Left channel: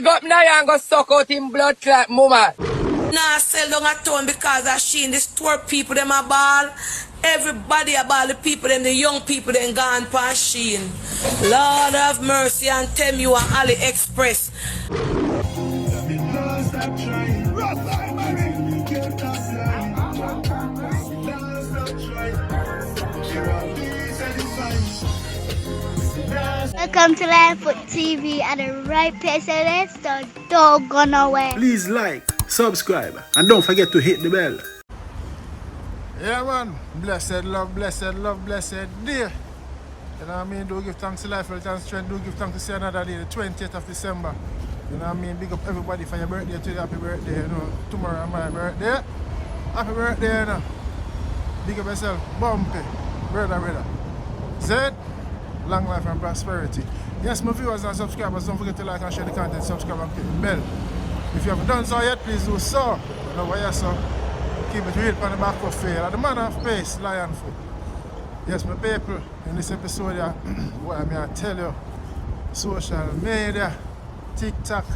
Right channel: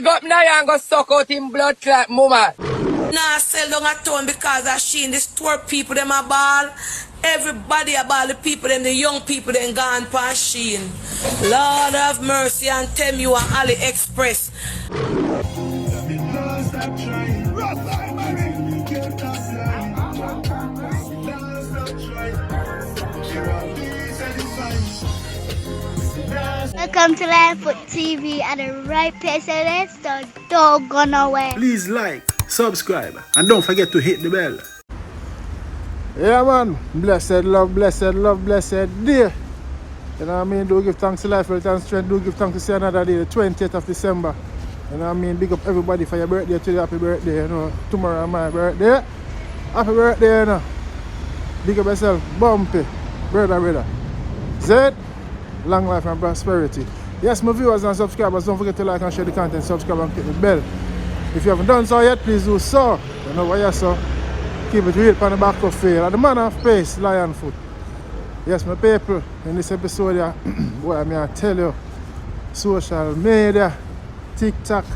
big up Niah and go suck out him blood clot mama. Nah, sell down a town because of she in the store people them a ball. Everybody a ball, the people them, the young people them gone past Sheen. Lord of mercy and tell you on AliExpress. Welcome to Livefoot TV at the right place, so don't go nowhere. Please like, subscribe, and don't forget to hit the bell. Yeah man, blessed love, blessed day. You know what I mean? Do give thanks to life, health and strength. Do give thanks to see another day, the 20th of December. You know what I mean? Big up everybody for your birthday today. Happy birthday, you know. Tomorrow my birthday. Happy birthday, you know. Big up yourself, bumpy, brother. Zed, long life and prosperity. Yes, my viewers and subscribers, don't forget to like and share the content, subscribe and click the bell. If you haven't done so yet, please do so. You know what you saw. Keep it real on the back of fail. At the man of pace, lion foot. Yes, my people, in this episode here, what I mean, I tell you, social media, TikTok,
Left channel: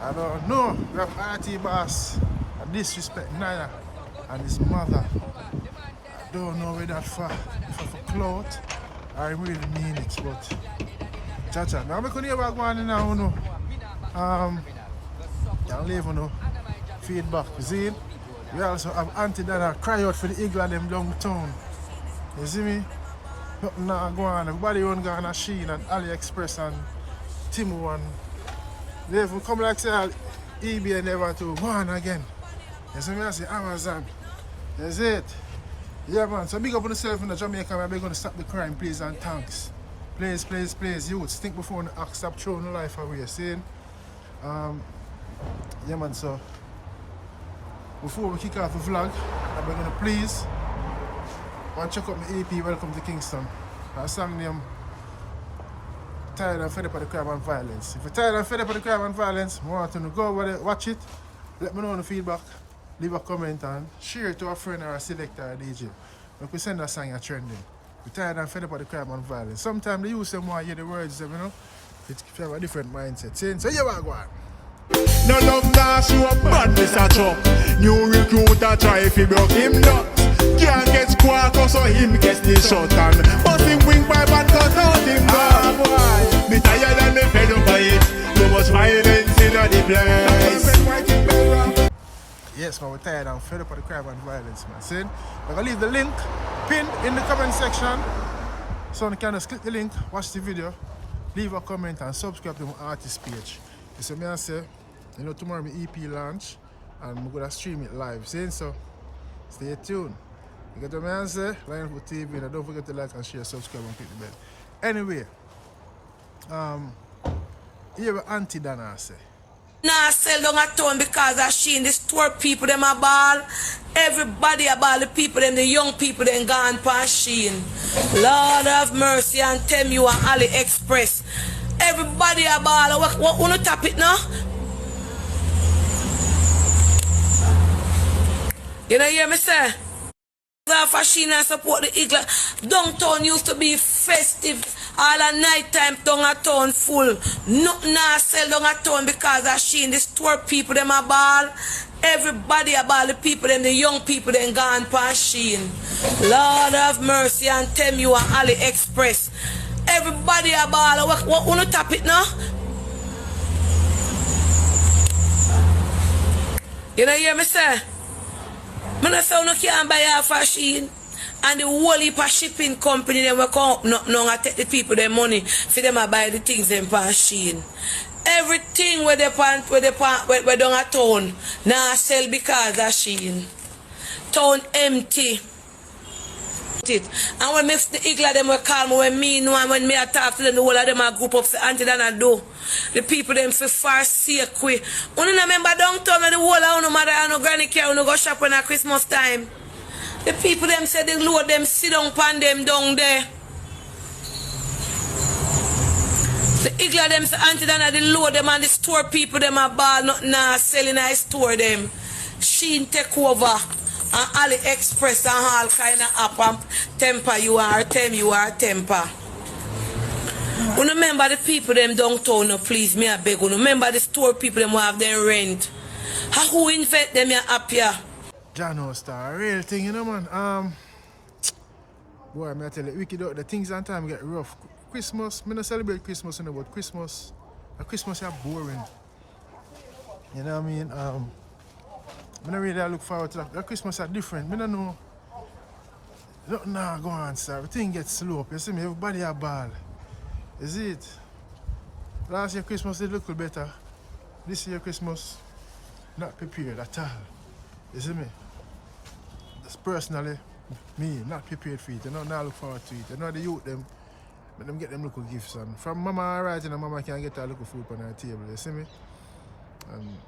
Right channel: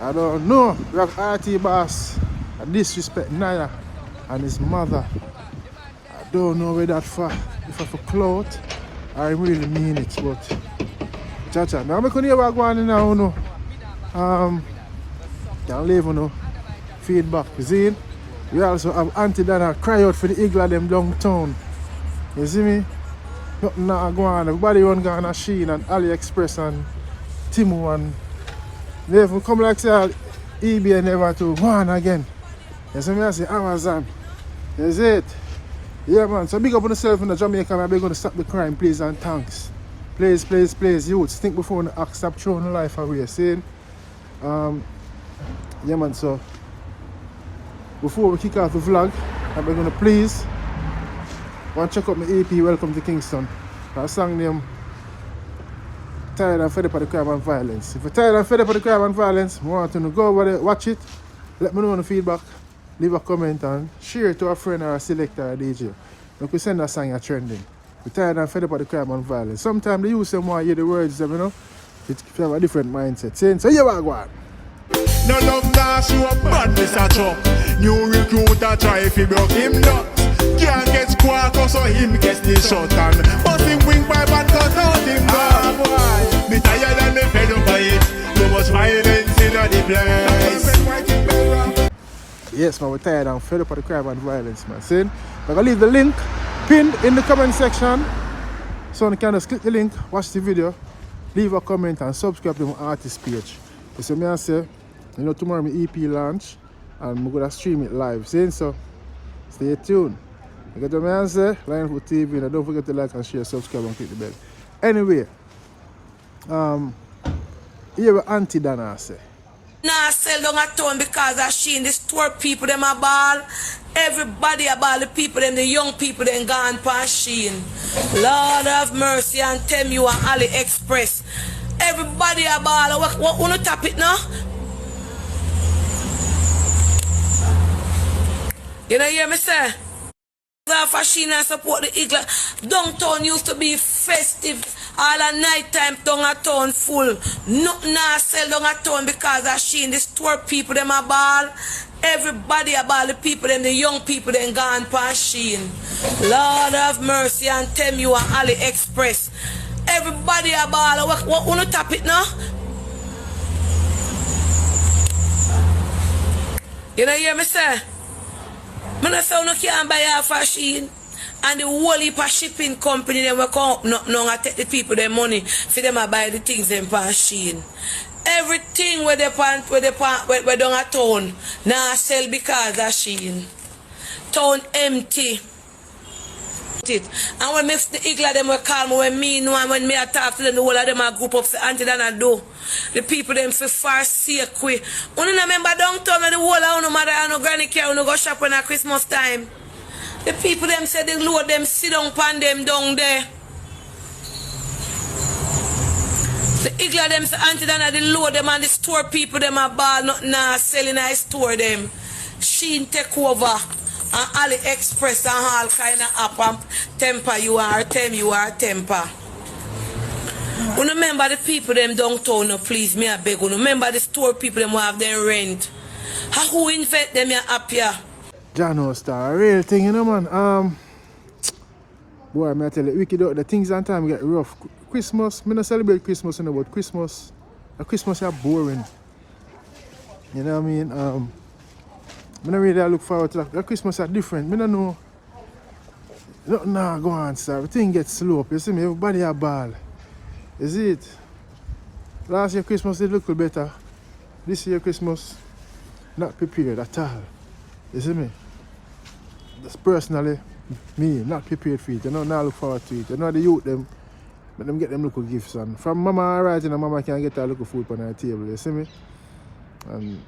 I don't know. We have RT boss, I disrespect Niah and his mother. I don't know where that for, if I for clout, I really mean it, but cha-cha. Now I'm going to hear what going on now, you know. Can't leave, you know, feedback, you see? We also have Aunty Donna cry out for the Higglers them downtown. You see me? Nothing not going on. Everybody on going on Sheen and AliExpress and Timu and they even come like say eBay never to go on again. You see me? I say Amazon. That's it. Yeah man, so big up on yourself in the Jamaica, we're going to stop the crime, please and thanks. Please, youths, think before you act, stop throwing life away, see? Yeah man, so before we kick off the vlog, I'm going to please want to check out my EP, Welcome to Kingston. That song name, Tired and Fed Up of the Crime and Violence. If you're tired and fed up of the crime and violence, I want you to go over there, watch it, let me know the feedback, leave a comment and share it to a friend or a selector or a DJ. Look, we send that song you're trending. We're tired and fed up of the crime and violence. Sometimes they use them more, hear the words, you know, if you have a different mindset. So you are going. No love now show up badness a chop. New recruiter try if he broke him nut. Can't get squawk so him gets the shot and bust him wing pipe and cut out him gun. Me tired and me fed up by it. Too much violence in the place. Yes man, we're tired and fed up of the crime and violence man. See? I'm going to leave the link pinned in the comment section. So you can just click the link, watch the video, leave a comment and subscribe to my artist page. You see me I say, you know, tomorrow my EP launch and I'm going to stream it live. See? So stay tuned. You get what I say? Livefoot TV, and don't forget to like and share, subscribe and click the bell. Anyway, here what Aunty Donna say. Nah, sell down a town because of she in the store people them a ball. Everybody a ball, the people them, the young people them gone past Sheen. Lord of mercy and tell you on AliExpress. Everybody a ball. What wanna tap it now? You know hear me say? Fashion and support the Higglers. Downtown used to be festive. All a night time down a town full. Nothing now sell down a town because of she in the store people them a ball. Everybody a ball, the people them, the young people them gone past Sheen. Lord of mercy and tell you on AliExpress. Everybody a ball. What wanna tap it now? You know hear me say? I don't say you can't buy half a Sheen. And the whole heap of shipping company them will come up no and take the people their money for them to buy the things them past Sheen. Everything where they down a town now sell because of Sheen. Town empty. And when the Higglers them will call me when me know and when me talk to them, the whole of them a group up for Aunty Donna do. The people them for far sake way. You remember downtown when the whole of no mother and no granny care no go shop when at Christmas time. The people them say they load them sit down pan them down there. The Higglers them say Aunty Donna they load them and the store people them a ball nothing nah selling I store them. Sheen take over. And AliExpress and all kind of app and temper you are temper. You remember the people them downtown, no, please, me I beg you. Remember the store people them who have their rent. How who invent them here up here? Jano Star, real thing, you know, man. Boy, me I tell you, wicked out, the things and time get rough. Christmas, me not celebrate Christmas, you know, but Christmas is boring. You know what I mean? I don't really look forward to that. The Christmas are different. I don't know. Nothing now go on, sir. Everything gets slow up. You see me? Everybody a ball. You see it? Last year Christmas did look better. This year Christmas, not prepared at all. You see me? Just personally, me, not prepared for it. You know, now look forward to it. You know the youth them, but them get them little gifts. And from mama alright, you know, mama can get a little food on her table. You see me? And,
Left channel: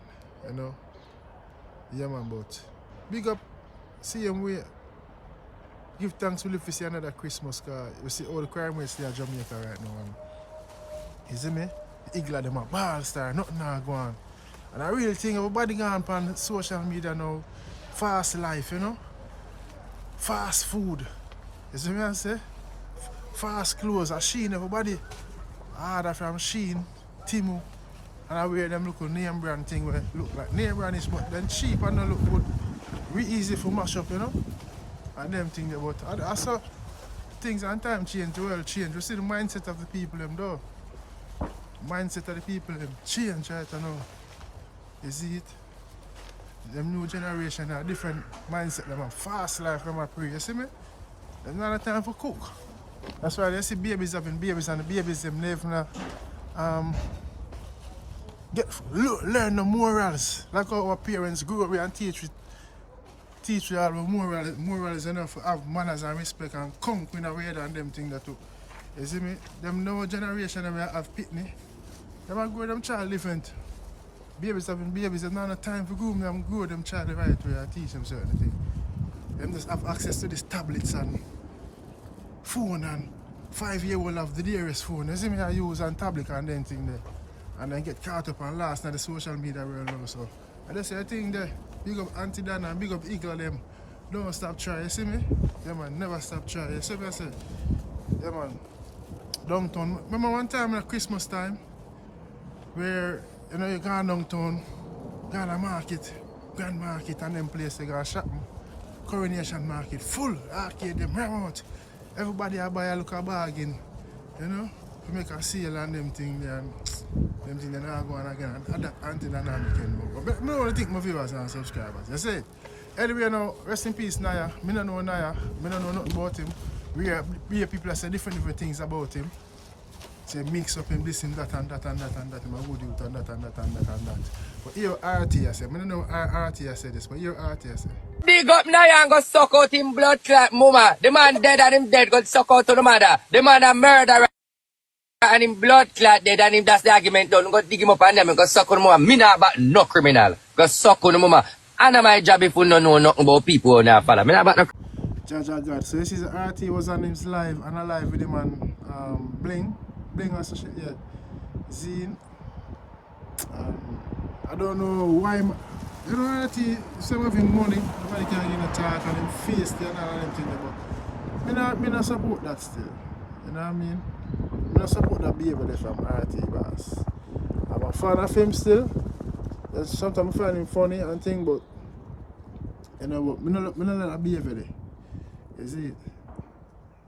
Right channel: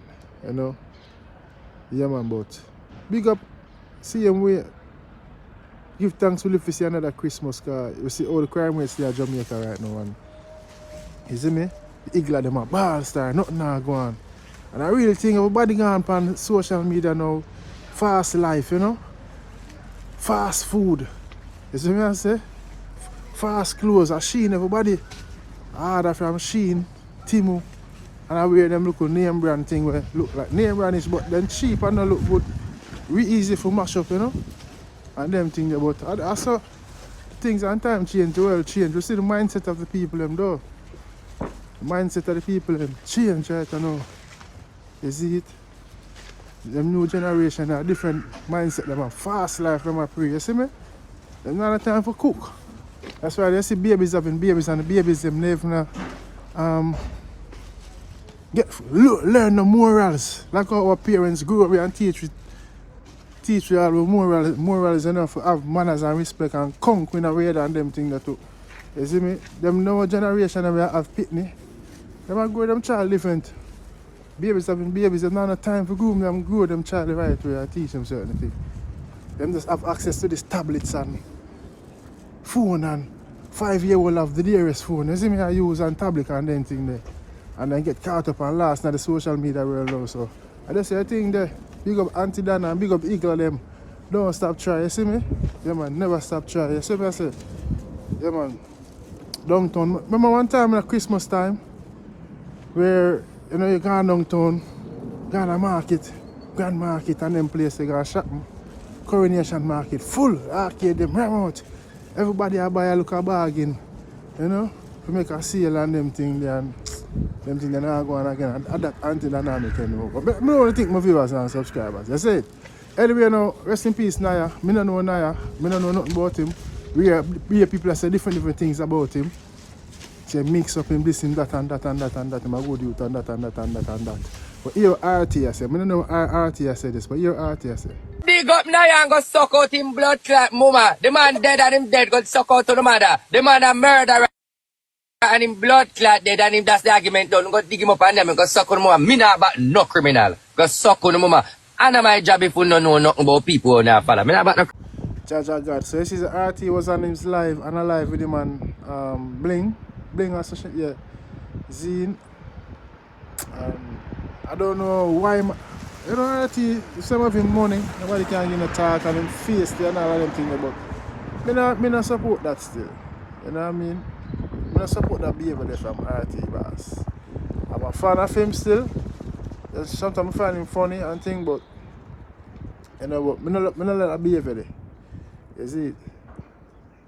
you know, yeah man, but big up, same way. Give thanks we live to see another Christmas, because you see all the crime rates there in Jamaica right now. And you see me? The Higglers them a ball star, nothing now go on. And I really think everybody gone on social media now, fast life, you know? Fast food. You see me I say? Fast clothes, a Shein, everybody. Order from Shein, Timu. And I wear them little name brand thing where look like name brand is, but then cheap and not look good. Really easy for mash up, you know? And them things, but I saw things and time change, the world change. You see the mindset of the people them though. The mindset of the people them change right now. You see it? Them new generation have different mindset, them have fast life, them have pray, you see me? Them not have time for cook. That's why they see babies having babies and the babies them live now. Learn the morals. Like how our parents grew up with and teach you all the morals enough to have manners and respect and conk in a way than them things that too. You see me? Them new generation them have pitney. Them are grow them child different. Babies having babies, them not have time for groom them, grow them child the right way and teach them certain things. Them just have access to these tablets and phone and 5-year-old have the dearest phone. You see me I use and tablet and them thing there. And then get caught up and lost in the social media world now. So I just say a thing there. Big up Aunty Donna and big up Higglers them. Don't stop trying, you see me? Yeah man, never stop trying. You see me I say? Yeah man. Downtown. Remember one time at Christmas time where you know you go downtown, go to market, Grand Market and them place they go shopping. Coronation Market full, arcade them out. Everybody a buy a look a bargain. You know? To make a sale and them thing there and them thing they not go on again. And that Aunty Donna make anymore. But I don't think my viewers and subscribers. You see it? Anyway now, rest in peace Niah. Me don't know Niah. Me don't know nothing about him. We hear people that say different things about him. Say mix up him this and that and that and that and that. Him a good youth and that and that and that and that. But here RT I say. I don't know RT I say this, but here RT I say. Big up Niah and go suck out him blood clot mama. The man dead and him dead go suck out to the mother. The man a murderer and him blood clot dead and him that's the argument done. Go dig him up and them go suck on mama. Me not about no criminal. Go suck on mama. And my job if you don't know nothing about people who not follow. Me not about no God. So this is RT was on his live and alive with him and Bling or such yeah. Zine. I don't know why you know RT some of him money, nobody can give him a talk and him face there and all of them things but me not support that still. You know what I mean? I don't support that behavior there from RT boss. I'm a fan of him still. Sometimes I find him funny and thing, but you know what, I don't like that behavior there. You see it?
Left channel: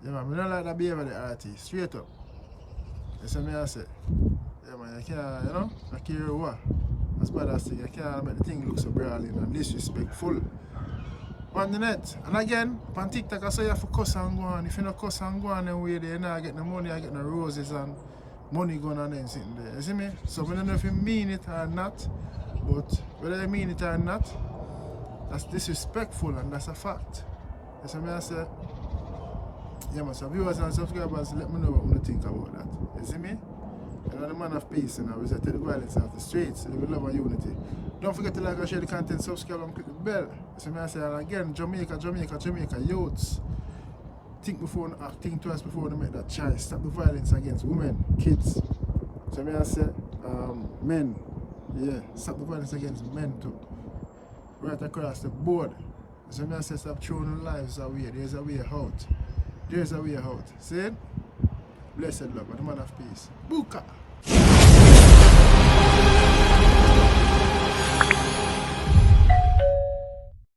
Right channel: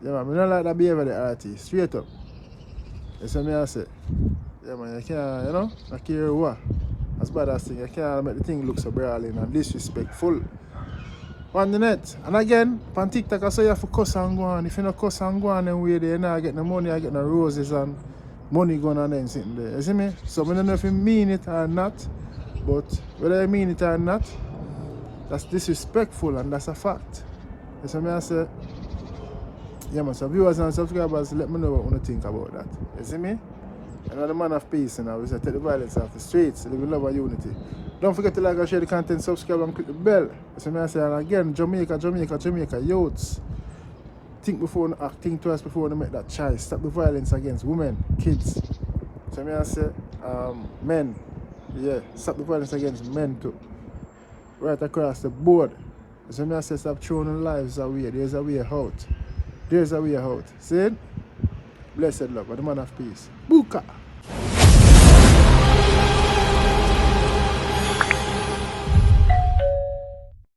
Yeah man, I don't like that behavior there, RT. Straight up. You see me I say? Yeah man, you can't, you know, I care what. As bad as thing, you can't make the thing look so brawling and disrespectful. On the net. And again, on TikTok I say you have to cuss and go on. If you don't cuss and go on then way there, you know, I get no money, I get no roses and money going on and sitting there. You see me? So I don't know if you mean it or not, but whether you mean it or not, that's disrespectful and that's a fact. You see me I say? Yeah man, so viewers and subscribers, let me know what you think about that. You see me? And I'm the man of peace, and we say take the violence off the streets, live in love and unity. Don't forget to like and share the content, subscribe and click the bell. So I say, and again, Jamaica youths. Think before you act, think twice before you make that choice. Stop the violence against women, kids. So I say, men, yeah, stop the violence against men too. Right across the board. So I say, stop throwing lives away. There's a way out. There's a way out. See it? Blessed love, and the man of peace. Buka.